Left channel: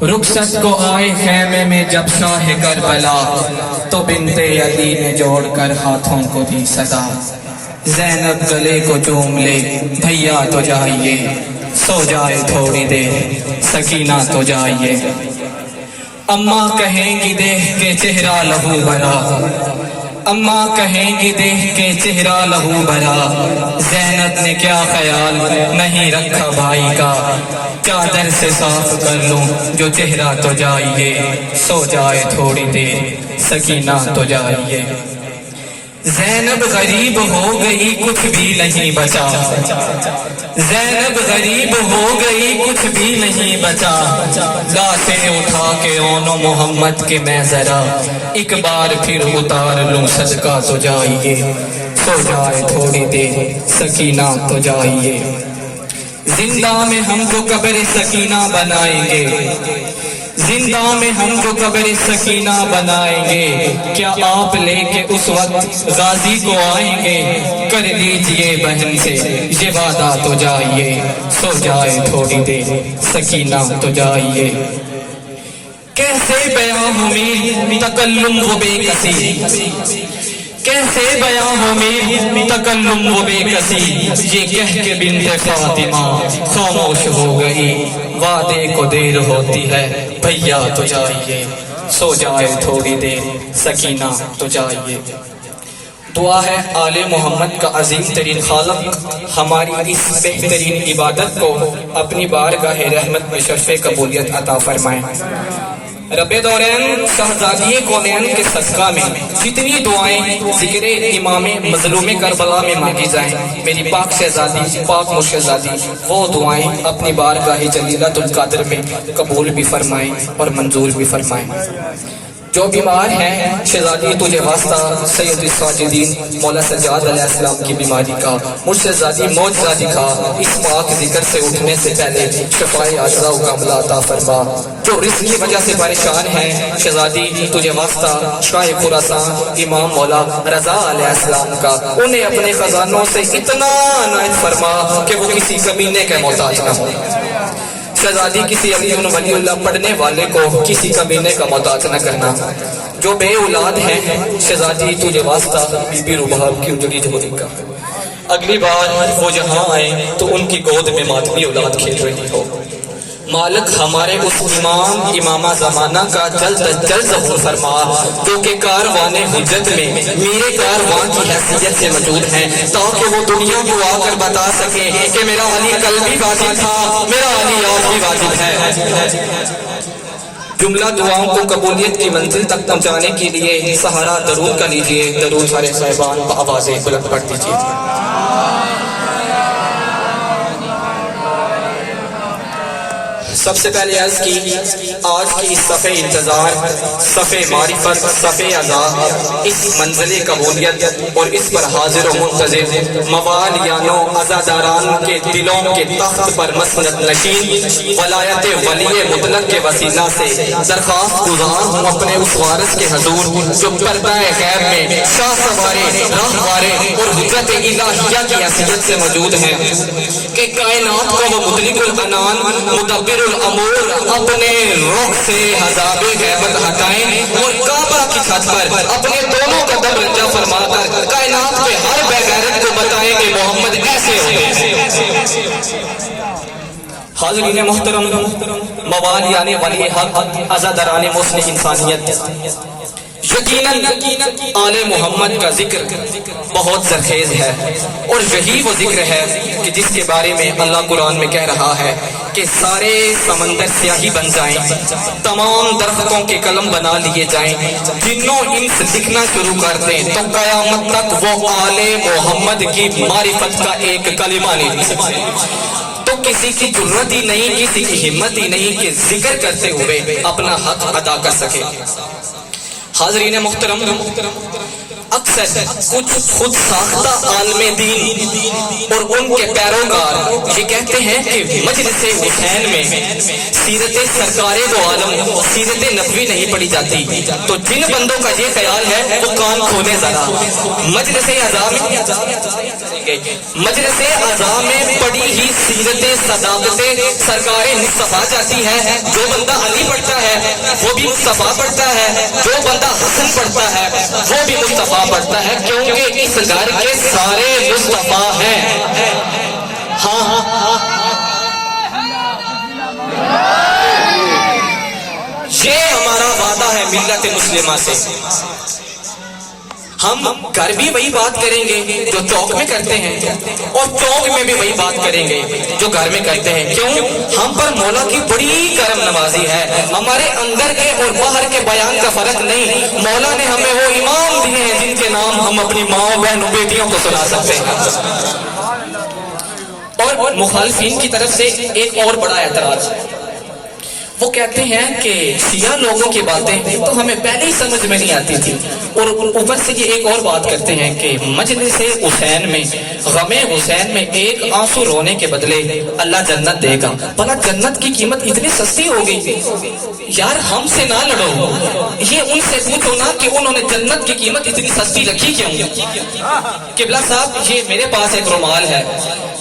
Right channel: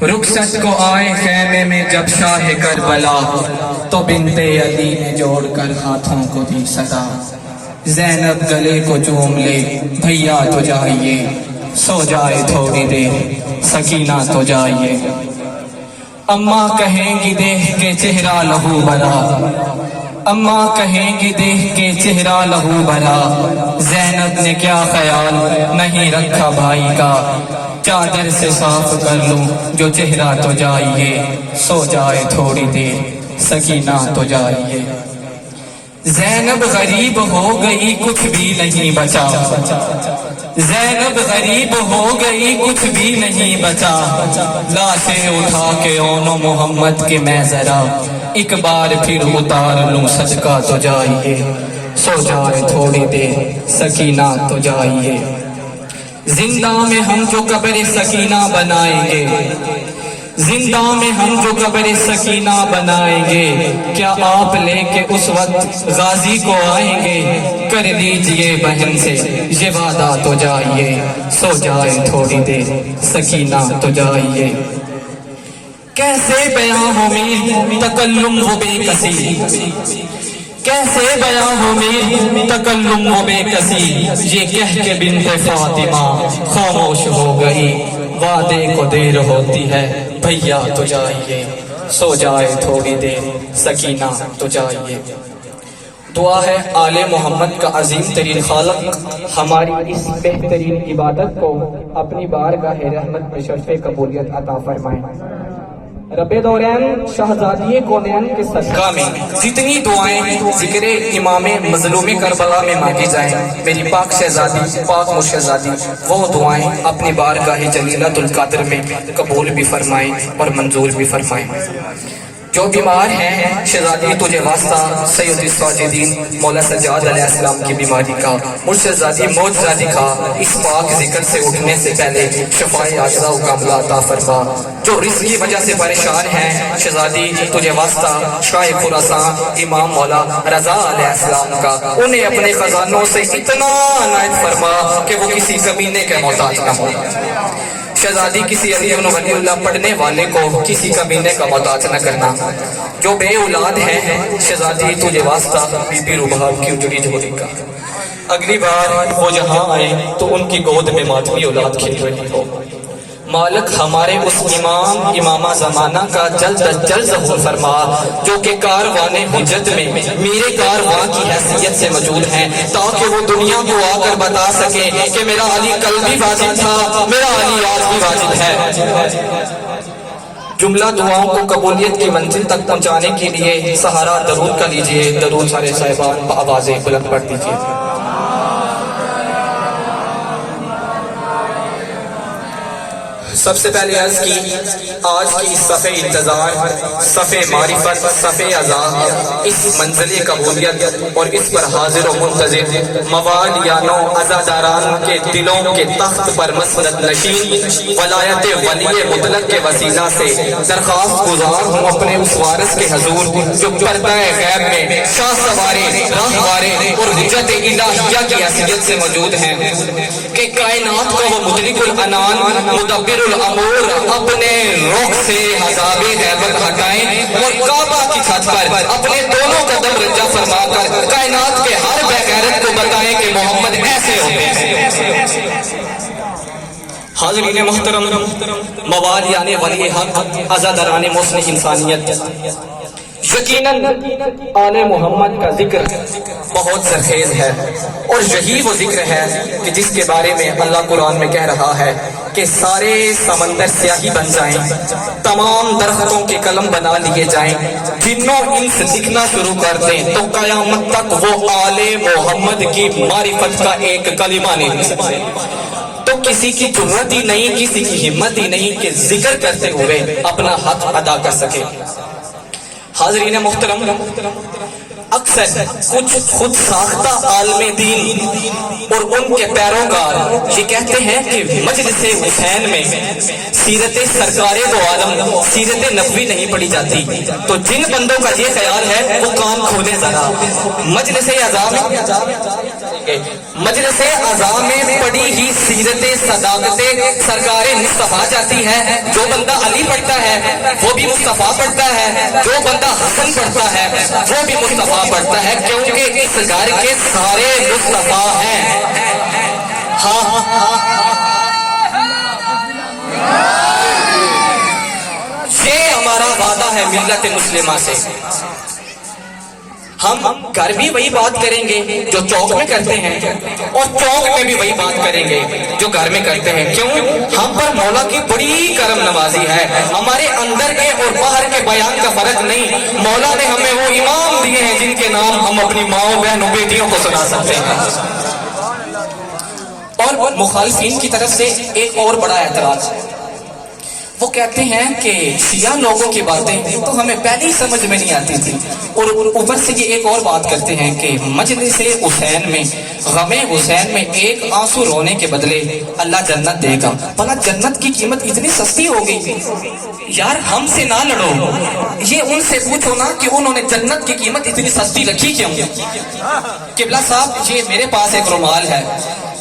رخصت کو آئے خیمے میں جب شاہ کربلا، تو بنت علی نے جوڑ کر ہاتھوں کو دی صدا۔ زینب گلے کو چوم لے بھیا تو جائیے، سو جائے تھوڑی دیر سکینہ تو جائیے۔ اماں کہیں گی دیکھ کے چہرہ لہو بھرا، اماں کہیں گی دیکھ کے چہرہ لہو بھرا۔ زینب نے کیا خیال نہیں رکھا بھائی کا، چادر سے صاف کر لوں جو چہرہ تو جائیے، سو جائے تھوڑی دیر سکینہ تو جائیے۔ زینب غریب ہو گئی کچھ بھی نہیں بچا، زینب غریب ہو گئی کچھ بھی نہیں بچا۔ لاشیں اٹھا کے اونو محمد کے میں ذرا، ایک بار پھر اتار لوں صدقہ تو جائیے، سو جائے تھوڑی دیر سکینہ تو جائیے۔ زندہ میں ہم جو قبر سکینہ بنائیں گے، زندہ میں ہم جو قبر سکینہ بنائیں گے، کیا آپ لے کے اس وقت غازی کو آئیں گے؟ کر لیجئے بہن سے یہ وعدہ تو جائیے، سو جائے تھوڑی دیر سکینہ تو جائیے۔ کیسے بیاں ہو میری تکلم و بے کسی، کیسے بیاں ہو میری تکلم و بے کسی، یہ کہہ کے بنت فاطمہ خاموش ہو گئی۔ وعدے کو دیر ہوتی ہے بھیا تو جائیے، سو جائے تھوڑی دیر سکینہ تو جائیے۔ دعا ہے آل محمد کا عظیم ترین خالق ہماری اس بہترین عبادت کو اپنی بارگاہ رحمت میں شرف قبولیت عطا فرمائیں۔ رب دورین شہزادی کونین کے صدقہ میں جتنی دعائیں ذکر امام مظلوم کربلا میں مانگی جائیں، میری پاک شہزادی پاک مشہزادی وہ دعائیں اپنی بارگاہ جلیلۃ القدر میں قبول بھی فرمائیں اور منظور بھی فرمائیں۔ جو بیمار ہیں شہزادی تجھے واسطہ سید الساجدین مولا سجاد علیہ السلام کی بیماری کا مشہزادی معجزہ دکھا، اس پاک ذکر سے اٹھنے سے پہلے شفائے عاجزہ و کاملہ عطا فرما۔ جو رزق کی وجہ سے پریشان ہیں شہزادی تجھے واسطہ شاہ خراسان امام مولا رضا علیہ السلام کا انہیں اپنے خزانوں سے اتنا عنایت فرما کہ وہ کسی کمینے کے محتاج نہ ہو۔ شہزادی کسی علی بن ولی اللہ پڑھنے والے کو کسی کمینے کا محتاج نہ کرنا۔ جو بے اولاد ہیں شہزادی تجھے واسطہ بی بی رباب کی اجڑی جھولی کا، اگلی بار وہ جہاں آئے تو ان کی گود میں ماتمی اولاد کھیل رہی ہو۔ مالک ہمارے اس امام امامہ زمانہ کا جلد از جلد ظہور فرما، جو کہ کاروان حجت میں میرے کارواں کی حیثیت سے موجود ہیں، تاکہ وہ دنیا کو آ کر بتا سکے کہ میرا علی کل بھی واجب تھا، میرا علی آج بھی واجب ہے۔ جملہ دعاؤں کو قبولیت کی منزل تک پہنچانے کے لیے سہارا درود کا لیجئے۔ درود سارے صاحبان بآواز بلند پڑھ دیجئے۔ سب سے پہلے عرض کی آج کی اس صفحہ انتظار، صفحہ معرفت، صفحہ عذاب، اس منزل قبولیت اور اس پر حاضر و منتظر موالیانوں عزاداران کے دلوں کے تخت پر مسند نشین ولایت ولی مطلق کے وسیلہ سے درخواست گزار ہوں اپنے اس وارث کے حضور جو پردہ غیب میں شاہ سوارے راہوارے اور حجت الہیہ کی حیثیت سے موجود ہیں کہ کائنات کو وہ مطلق العنان مدبر الامور اپنے روح سے عذاب غیبت ہٹائیں اور کعبہ کی چھت پر اپنے دونوں قدم رجا فرما کر کائنات کے ہر بے غیرت کو بتائیں کہ محمد ایسے ہوتے۔ حاضرین محترم، موالیان ولی حق، عزاداران مسلم انسانیت، یقیناً آل محمد کا ذکر بہت زرخیز ہے، اور یہی وہ ذکر ہے کہ جس کے بارے میں اللہ قرآن میں کہہ رہا ہے کہ سارے سمندر سیاہی بن جائیں، تمام درختوں کے قلم بنا لیے جائیں، جنوں انس لکھنا شروع کر دیں تو قیامت تک وہ آل محمد کی معرفت کا ایک کلمہ نہیں لکھ سکتے۔ تو کسی کی جرات ہی نہیں، کسی کی ہمت ہی نہیں کہ ذکر کرتے ہوئے اپنا حق ادا کر سکے۔ حاضرین محترم، اکثر کچھ خود ساختہ عالم دین اور ان کے پیروکار یہ کہتے ہیں کہ مجلس حسین میں سیرت سرکار دو عالم سیرت نبوی نہیں پڑھی جاتی، تو جن بندوں کا یہ خیال ہے وہ کام کھولے ذرا۔ مجلس اعظام گے۔ مجلس اعضاء میں پڑی ہی سیرت صداقت سرکار مصطفیٰ جاتی ہے۔ جو بندہ علی پڑھتا ہے وہ بھی مصطفیٰ پڑھتا ہے، جو بندہ حسن پڑھتا ہے وہ بھی مصطفیٰ پڑھتا ہے، کیونکہ اس گھر کے سارے مصطفیٰ ہیں۔ ہاں یہ ہمارا وعدہ ہے ملت مسلمہ سے۔ ہم گھر بھی وہی بات کریں گے جو چوک میں کرتے ہیں، اور چوک میں بھی وہی بات کریں گے جو گھر میں کرتے ہیں۔ کیوں؟ ہم پر مولا کی بڑی کرم نوازی ہے۔ ہمارے اندر کے اور باہر کے بیان کا فرق نہیں، مولا نے ہمیں وہ امام دیے ہیں جن کے نام ہم اپنی ماؤں بہنوں بیٹیوں کو سنا سکتے ہیں۔ اور مخالفین کی طرف سے ایک اور بڑا اعتراض، وہ کہتے ہیں کہ شیعہ لوگوں کی باتیں تو ہمیں پہلے ہی سمجھ میں نہیں آتی تھی، اور اوپر سے یہ ایک اور بات کرتے ہیں کہ مجلس حسین میں، غم حسین میں ایک آنسو رونے کے بدلے اللہ جنت دے گا۔ بھلا جنت کی قیمت اتنی سستی ہو گئی؟ یار ہم سے نہ لڑو، یہ ان سے پوچھو نا کہ انہوں نے جنت کی قیمت اتنی سستی رکھی کیوں؟ قبلہ صاحب یہ میرے پاس ایک رومال ہے،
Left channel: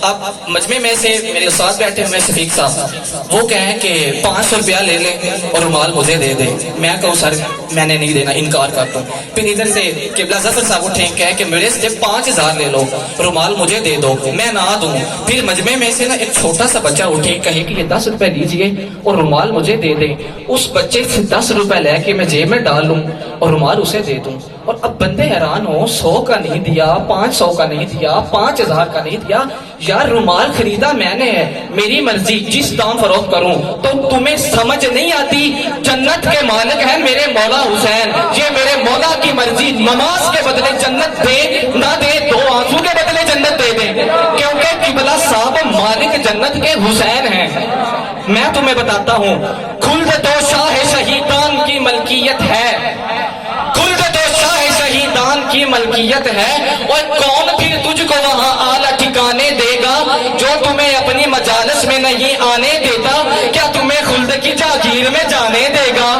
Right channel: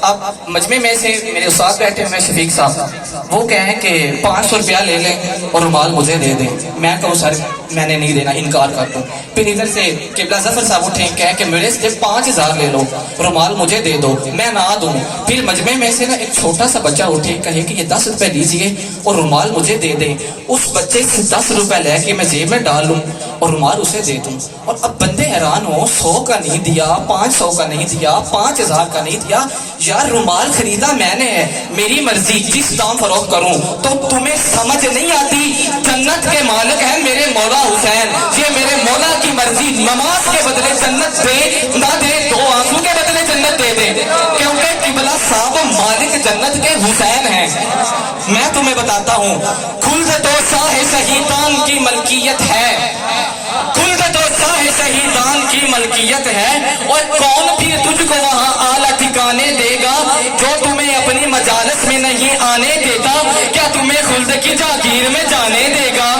اب مجمع میں سے میرے استاد بیٹھے ہوئے شفیق صاحب، وہ کہیں کہ 500 روپیہ لے لیں اور رومال مجھے دے دیں۔ میں کہوں سر میں نے نہیں دینا، انکار کر دوں۔ پھر ادھر سے قبلہ ظفر صاحب اٹھیں کہہ کہ میرے سے 5000 لے لو، رومال مجھے دے دو، میں نہ دوں۔ پھر مجمع میں سے نا ایک چھوٹا سا بچہ اٹھے کہے کہ یہ 10 روپے لیجئے اور رومال مجھے دے دیں۔ اس بچے سے 10 روپے لے کے میں جیب میں ڈال لوں اور رومال اسے دے دوں۔ اور اب بندے حیران ہو، 100 کا نہیں دیا، 500 کا نہیں دیا، 5000 کا نہیں دیا، یار رومال خریدا میں نے ہے، میری مرضی جس دام فروخت کروں۔ تو تمہیں سمجھ نہیں آتی جنت کے مالک ہے میرے مولا حسین، یہ میرے مولا کی مرضی، نماز کے بدلے جنت دے نہ دے، 2 آنسو کے بدلے جنت دے دے، کیونکہ قبلہ صاحب مالک جنت کے حسین ہیں۔ میں تمہیں بتاتا ہوں، خلد تو شاہ شہیدان کی ملکیت ہے، خلد تو شاہ شہیدان کی ملکیت ہے، اور کون بھی تجھ کو وہاں اعلیٰ ٹھکانے دے گا جو تمہیں اپنی مجالس میں نہیں آنے دیتا، کیا تمہیں خلد کی جاگیر میں جانے دے گا؟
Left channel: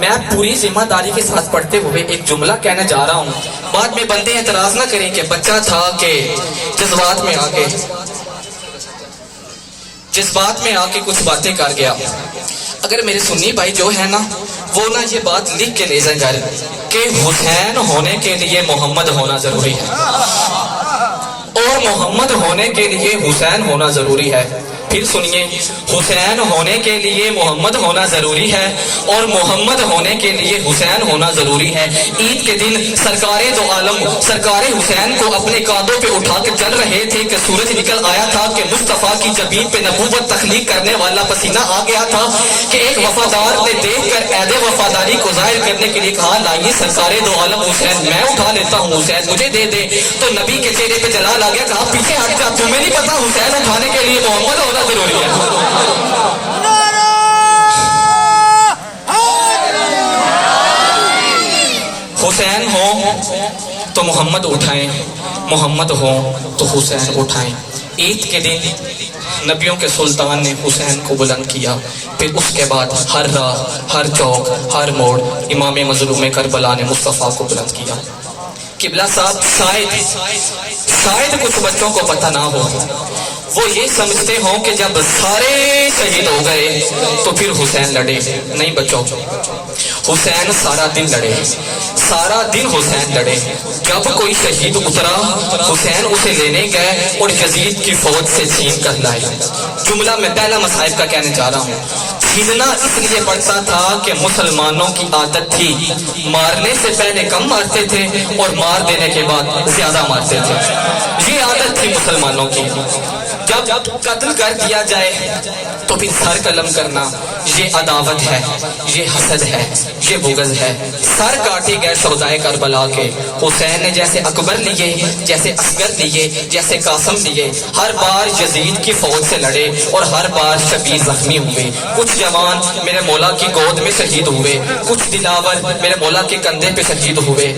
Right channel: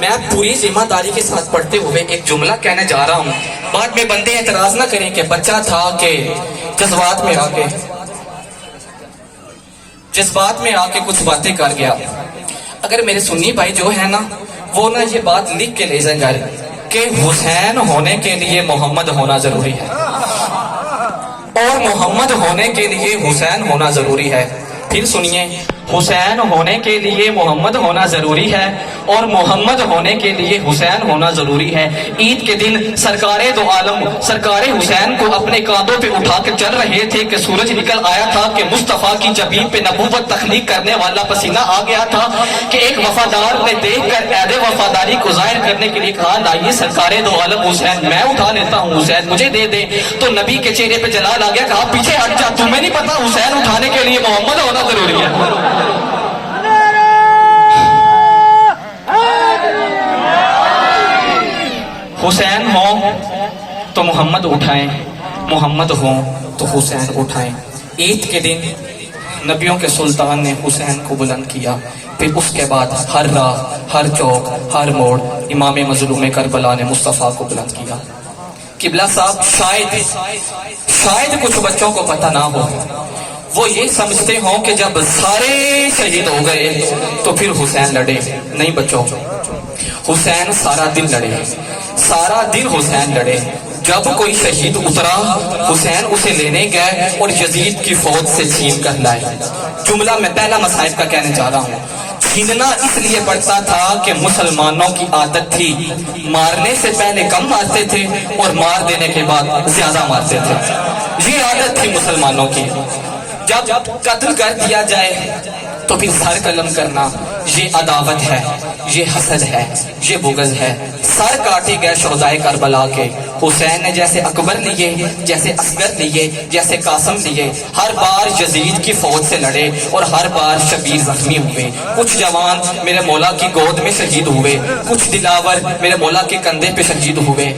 میں پوری ذمہ داری کے ساتھ پڑھتے ہوئے ایک جملہ کہنے جا رہا ہوں، بعد میں بندے اعتراض نہ کریں کہ بچہ تھا کہ جذبات میں آ کے کچھ باتیں کر گیا۔ اگر میرے سنی بھائی جو ہے نا، وہ نا یہ بات لکھ کے لے جائیں گھر کہ حسین ہونے کے لیے محمد ہونا ضروری ہے، اور محمد ہونے کے لیے حسین ہونا ضروری ہے۔ پھر سنیے، حسین ہونے کے لیے محمد ہونا ضروری ہے، اور محمد ہونے کے لیے حسین ہونا ضروری ہے۔ عید کے دن سرکار دو عالم سرکار حسین کو اپنے کاندھوں پہ اٹھا کے چل رہے تھے کہ سورج نکل آیا تھا کہ مصطفیٰ کی جبین پہ نبوت تخلیق کرنے والا پسینہ آ گیا تھا کہ ایک وفادار نے دیکھ کر عہد وفاداری کو ظاہر کرنے کے لیے کہا لائیے سرکار دو عالم حسین میں اٹھا لیتا ہوں، حسین مجھے دے دے۔ تو نبی کے چہرے پہ جلال آ گیا، کہا پیچھے ہٹ جا، تمہیں نہیں پتا حسین اٹھانے کے لیے محمد ہونا ضروری ہے۔ حسین ہو تو محمد اٹھائیں، محمد ہو تو حسین اٹھائیں۔ عید کے دن نبیوں کے سلطان نے حسین کو بلند کیا، پھر اس کے بعد ہر راہ، ہر چوک، ہر موڑ امام مظلوم کربلا نے مصطفیٰ کو بلند کیا۔ قبلہ صاحب شاید کچھ بچوں کو پتہ نہ ہو، وہ یہ سمجھتے ہوں کہ جب سارے شہید ہو گئے تو پھر حسین لڑے۔ نہیں بچوں، حسین سارا دن لڑے، سارا دن حسین لڑے۔ جب کوئی شہید اترا حسین اسے لینے گئے اور یزید کی فوج سے چھین کر لائے۔ جملہ میں پہلا مصائب کا کہنے جا رہا ہوں۔ چھیننا اس لیے پڑتا تھا کہ مسلمانوں کی عادت تھی مارنے سے پہلے کم مارتے تھے اور مار دینے کے بعد زیادہ مارتے تھے، یہ عادت تھی مسلمانوں کی۔ جب قتل کر دیا جائے تو پھر سر قلم کرنا، یہ عداوت ہے، یہ حسد ہے، یہ بغض ہے۔ سر کاٹے گئے شہدائے کربلا کے، حسین نے جیسے اکبر لیے، جیسے اصغر لیے، جیسے قاسم لیے، ہر بار یزید کی فوج سے لڑے اور ہر بار شبیر زخمی ہوئے۔ کچھ جوان میرے مولا کی گود میں شہید ہوئے، کچھ دلاور میرے مولا کے کندھے پہ شہید ہوئے۔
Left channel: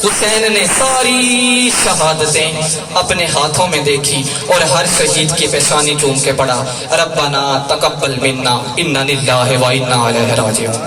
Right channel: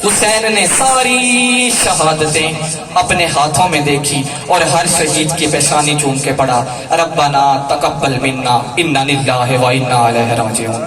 حسین نے ساری شہادتیں اپنے ہاتھوں میں دیکھی اور ہر شہید کی پیشانی چوم کے پڑھا، ربنا تقبل منا انا للہ و انا الیہ راجعون۔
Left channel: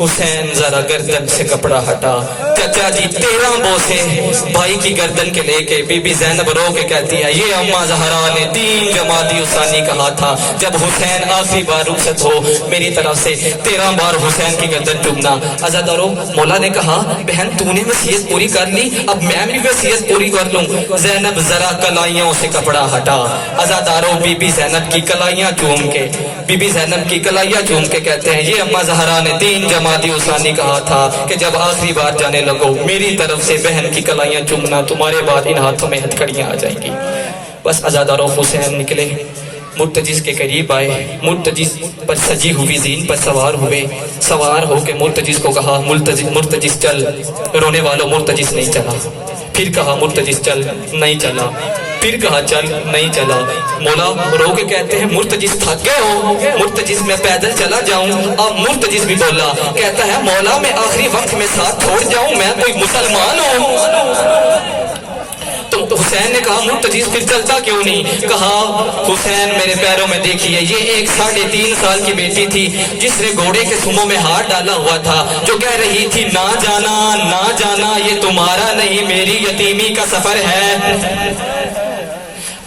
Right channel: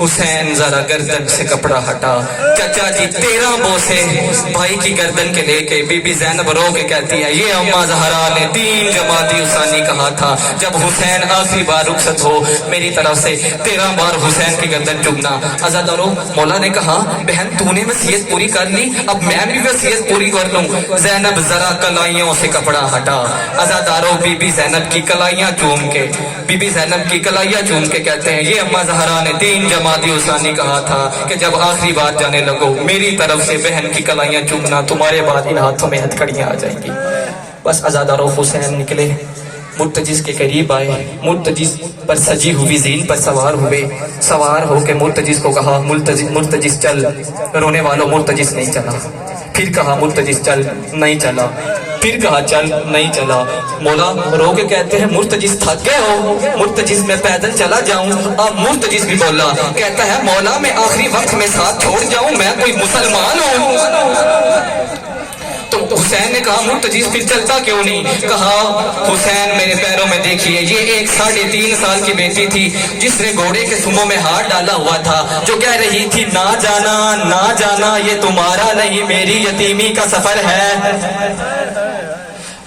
حسین ذرا گردن سے کپڑا ہٹا، چچا جی 13 بوسے بھائی کی گردن کے لے کے بی بی زینب رو کے کہتی ہے یہ اما زہرا نے 3 جمادی الثانی کہا تھا جب حسین آخری بار رخصت ہو میری طرف سے 13 بار حسین کی گردن چومنا۔ عزادارو مولا نے کہا بہن تو نے وصیت پوری کر لی، اب میں بھی وصیت پوری کر لوں۔ زینب ذرا کلائیوں سے کپڑا ہٹا، عزادارو بی بی زینب کی کلائیاں چوم کے بی بی زینب کی کلائیاں چوم کے کہتے ہیں یہ اما زہرا نے 3 جمادی الثانی کہا تھا کہ جب آخری بار جانے لگو میری طرف سے بہن کی کلائیاں چومنا، تمہارے بعد ان ہاتھوں میں ہتھکڑیاں آ جائیں گی۔ بس عزادارو حسین نکلے، مرتجز کے قریب آئے، مرتجز پر سجی ہوئی زین پر سوار ہوئے، سوار ہو کے مرتجز کو کہا مرتجز چل، رونے والوں مرتجز نہیں چلا، پھر کہا مرتجز چل، نہیں چلا، پھر کہا چل، نہیں چلا۔ مولا رو کے کہتے ہیں مرتجز تھک گئے ہو؟ مرتجز میں پیدل چلا جاؤں؟ اب مرتجز بھی بولا، کہتا ہے مولا میں آخری وقت میں ساتھ چھوڑ جاؤں، میں کوئی مسلمان ہوں؟ تو حسین نے کہا مرتجز پھر چلتا کیوں نہیں؟ کہا حسین میرے پیروں میں دیکھیے یہ ایک 3.5 سال کی بیٹی تھی جس نے گھوڑے کے سموں میں ہاتھ ڈالا ہوا تھا، جو کہہ رہی تھی نہ جانا نہ جانا یہ تمہارا نہیں میری یتیمی کا سفر ہے۔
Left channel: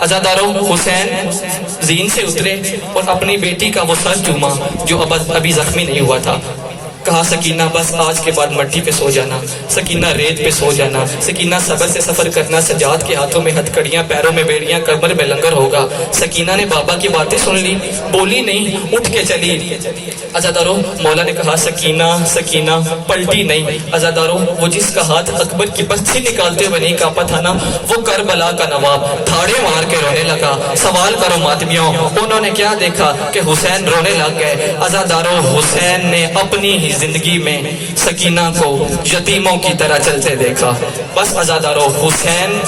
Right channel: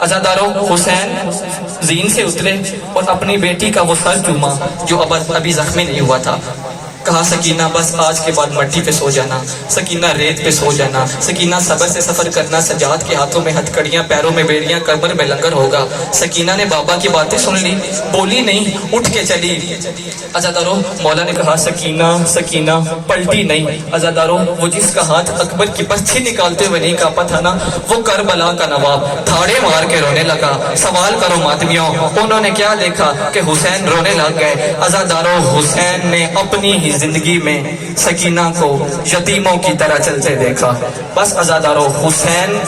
عزاداروں حسین زین سے اترے اور اپنی بیٹی کا وہ سر چوما جو ابھی زخمی نہیں ہوا تھا، کہا سکینہ بس آج کے بعد مٹی پہ سو جانا، سکینہ ریت پہ سو جانا، سکینہ صبر سے سفر کرنا، سجاد کے ہاتھوں میں ہتھکڑیاں، پیروں میں بیڑیاں، کمر میں لنگر ہوگا۔ سکینہ نے بابا کی باتیں سن لی، بولی نہیں، اٹھ کے چلی۔ عزاداروں مولا نے کہا سکینہ سکینہ، پلٹی نہیں۔ عزاداروں وہ جس کا ہاتھ اکبر کی برچھی نکالتے ہوئے نہیں کانپا تھا نا، وہ کربلا کا نواب دھاڑے مار کے رونے لگا۔ سوال کرو ماتمیوں انہوں نے کیا دیکھا کہ حسین رونے لگ گئے؟ عزاداروں حسین نے اپنی ہی زندگی میں سکینہ کو یتیموں کی طرح چلتے دیکھا۔ بس عزاداروں حسین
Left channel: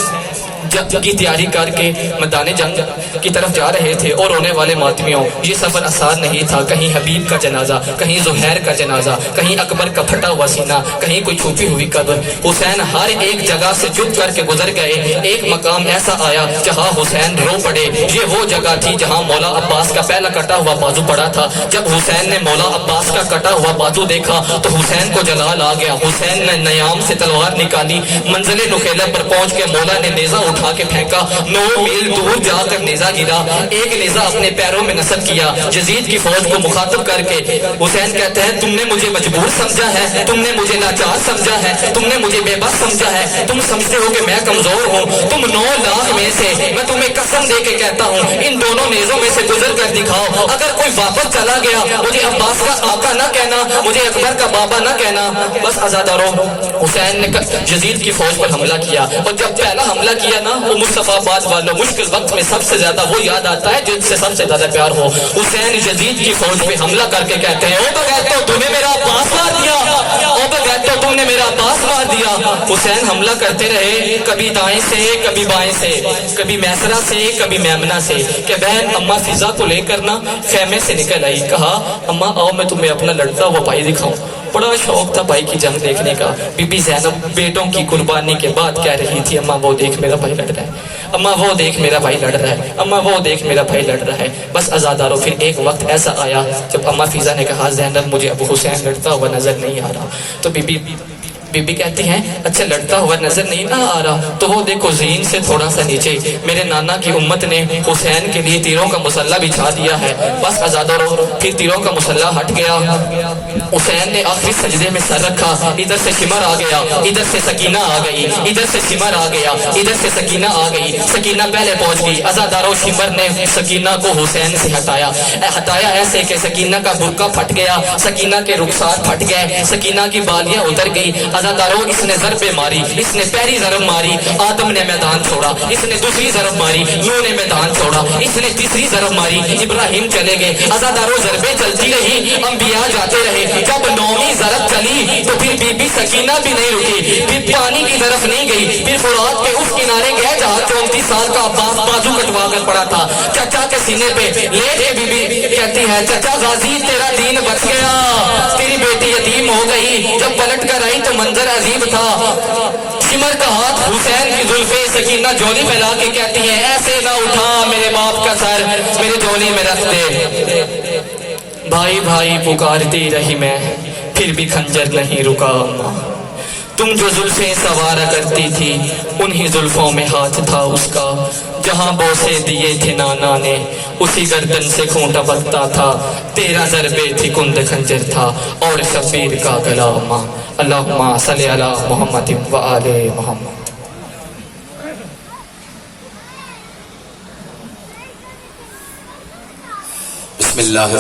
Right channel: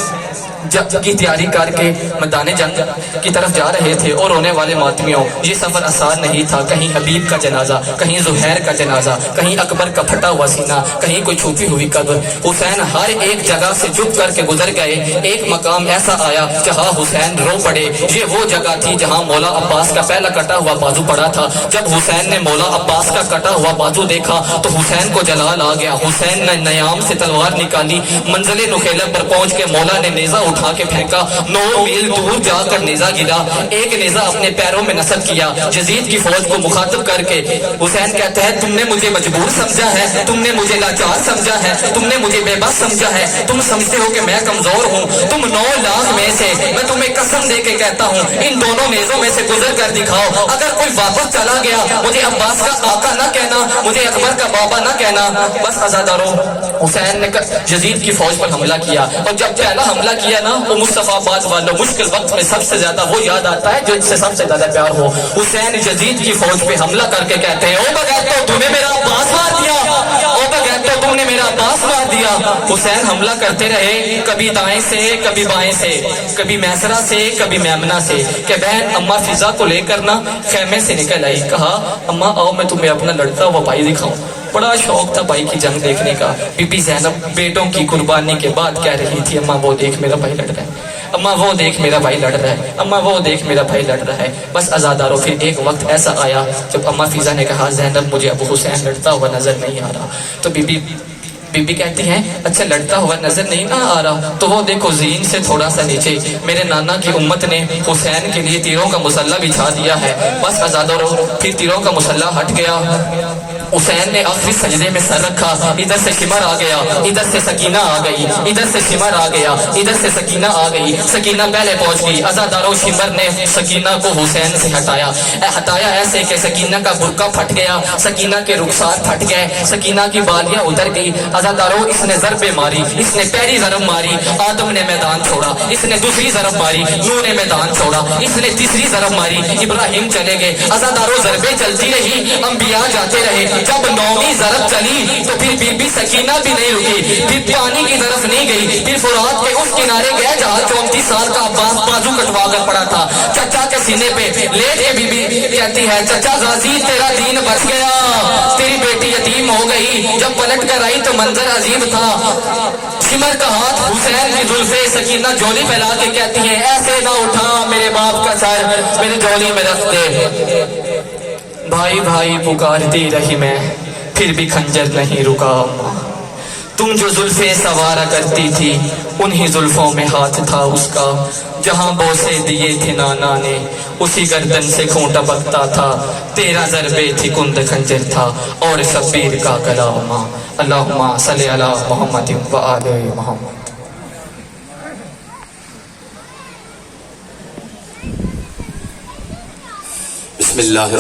جب کی تیاری کر کے میدان جنگ کی طرف جا رہے تھے اور رونے والے ماتمیوں یہ سفر آسان نہیں تھا، کہیں حبیب کا جنازہ، کہیں زہیر کا جنازہ، کہیں اکبر کا پھٹا ہوا سینہ، کہیں کوئی چھپی ہوئی قبر۔ حسین ہر ایک جگہ سے جھک کر کے گزر گئے، ایک مقام ایسا آیا جہاں حسین رو پڑے۔ یہ وہ جگہ تھی جہاں مولا عباس کا پہلا کٹا ہوا بازو پڑا تھا۔ جب حسین نے مولا عباس کا کٹا ہوا بازو دیکھا تو حسین کو جلال آ گیا۔ حسین نے نیام سے تلوار نکالی، منزل نخیلہ پر پہنچ کے مولا نے نیزہ اٹھا کے پھینکا، 9 میل دور جا کر نیزہ گرا، ایک نیزہ اپنے پیروں میں نصب کیا۔ یزید کی فوج کو مخاطب کر کے حسین کہتے ہیں تم نے مجھے مجبور سمجھا ہے، تم نے مجھے لاچار سمجھا ہے، تم نے مجھے بے بس سمجھا ہے، تم سمجھتے ہو کہ میں کمزور ہوں۔ تم 9 لاکھ میں سے میں تمہیں قسم دے کے کہتا ہوں ان دونوں نیزوں میں سے گزر کر دکھاؤ، اگر کوئی واپس چلا گیا مجھے عباس کا آقا نہ کہنا، مجھے اکبر کا بابا نہ کہنا۔ بس عزاداروں حسین نے یزید کی فوج پر حملہ کیا، اور جب پہلا حملہ کیا نا وہ مصطفیٰ آباد والوں مشکل وقت میں سب سے زیادہ وہ یاد آتا ہے جو اس سے سب سے زیادہ پیار ہو۔ حسین یزید کی فوج پہ حملہ کر کے کہتے ہیں او بغیرتو تم نے میرا عباس مار دیا، او بغیرتو تم نے میرا عباس مار دیا۔ حسین حملہ کرتے رہے، کبھی دائیں سے کبھی بائیں سے، کبھی میسرہ سے کبھی میمنہ سے، کہ بہن اماں فضا کو لے کر نا خیمے سے نکل آئی، کہا اماں آؤ میں تمہیں اپنا لڑتا ہوا بھائی دکھاؤں۔ بڑا شوق تھا بھائی کی جنگ دیکھنے کا۔ بی بی زینب بیٹوں کی قربانی کے بعد کہہ رہی تھی اماں وہ دیکھ میرا بھائی لڑ رہا ہے، اماں وہ دیکھ میرا بھائی لڑ رہا ہے، اماں وہ دیکھ میرا بھائی لڑ رہا ہے۔ بس عزاداروں پھر ایک وقت ایسا آیا جب اماں فیضا نے کہا زینب مجھے ابو حسین لڑتا ہوا نظر نہیں آ رہا، تو بی بی کہتی ہیں اچھا لڑتا ہوا نظر نہیں نہ آ رہا تو وہ دیکھو زین سے تھوڑا سا نیچے میرے نانا کی امت نے حسین کے لیے تیروں کا مسلح بچھا دیا ہے۔ بس عزاداروں پھر تیروں کا مسلح ہٹ گیا، حسین نے آخری سجدے میں سر رکھا، ادھر سے شمر آ گیا، ادھر سے سکینہ آ گئی، ادھر سے شمر آ گیا، ادھر سے سکینہ آ گئی، سکینہ پہلے پہنچ گئی۔ عزاداروں شمر نے سکینہ کو حسین سے ہٹایا ایسے کہ سکینہ کا برقع پھٹ گیا، سکینہ کے رخسار پھٹ گئے، سکینہ کی بالیاں اتر گئی۔ عزاداروں اس نے ضربیں ماری، اس نے پہلی ضرب ماری، آدم نے میدان چھوڑا، اس نے دوسری ضرب ماری، نوح نے میدان چھوڑا، اس نے تیسری ضرب ماری، ابراہیم چلے گئے۔ عزاداروں ضربیں چلتی رہی، انبیاء جاتے رہے، جب 9ویں ضرب چلی تو پھر بی بی سکینہ بھی نہیں رکی، پھر پانی کی طرف نہیں گئی، پھر فرات کے اس کنارے گئے جہاں 34 سال کا عباس بازو کٹوا کر پڑا تھا، چچا کے سینے پہ لیٹ کے بی بی کہتی ہے چچا غازی تیرا دین بچ گیا، تیری بیٹی یتیم ہو گئی۔ جب پلٹ کر آئی تو منظر عجیب تھا، شمر کا ہاتھ حسین کی زلفیں، سکینہ جولی پھیلا کے کہتی ہے ایسے نہ اٹھا میرے باپ کا سر، میری جولی میں رکھ دے۔ بھائی بھائی پکارتی رہی میں، پھر بھی خنجر نہیں رکا اماں. تم جو زلفیں سوارا کرتی تھی انہی زلفوں میں ہاتھ تھا اس کا. جہاں بوسے دیے تھے نانا نے اسی گردن سے خون ٹپکتا تھا. 13 ضربے تھی کند خنجر تھا اور شبیر کا گلا اماں. اللہم صلی علی محمد و آل محمد. بسم اللہ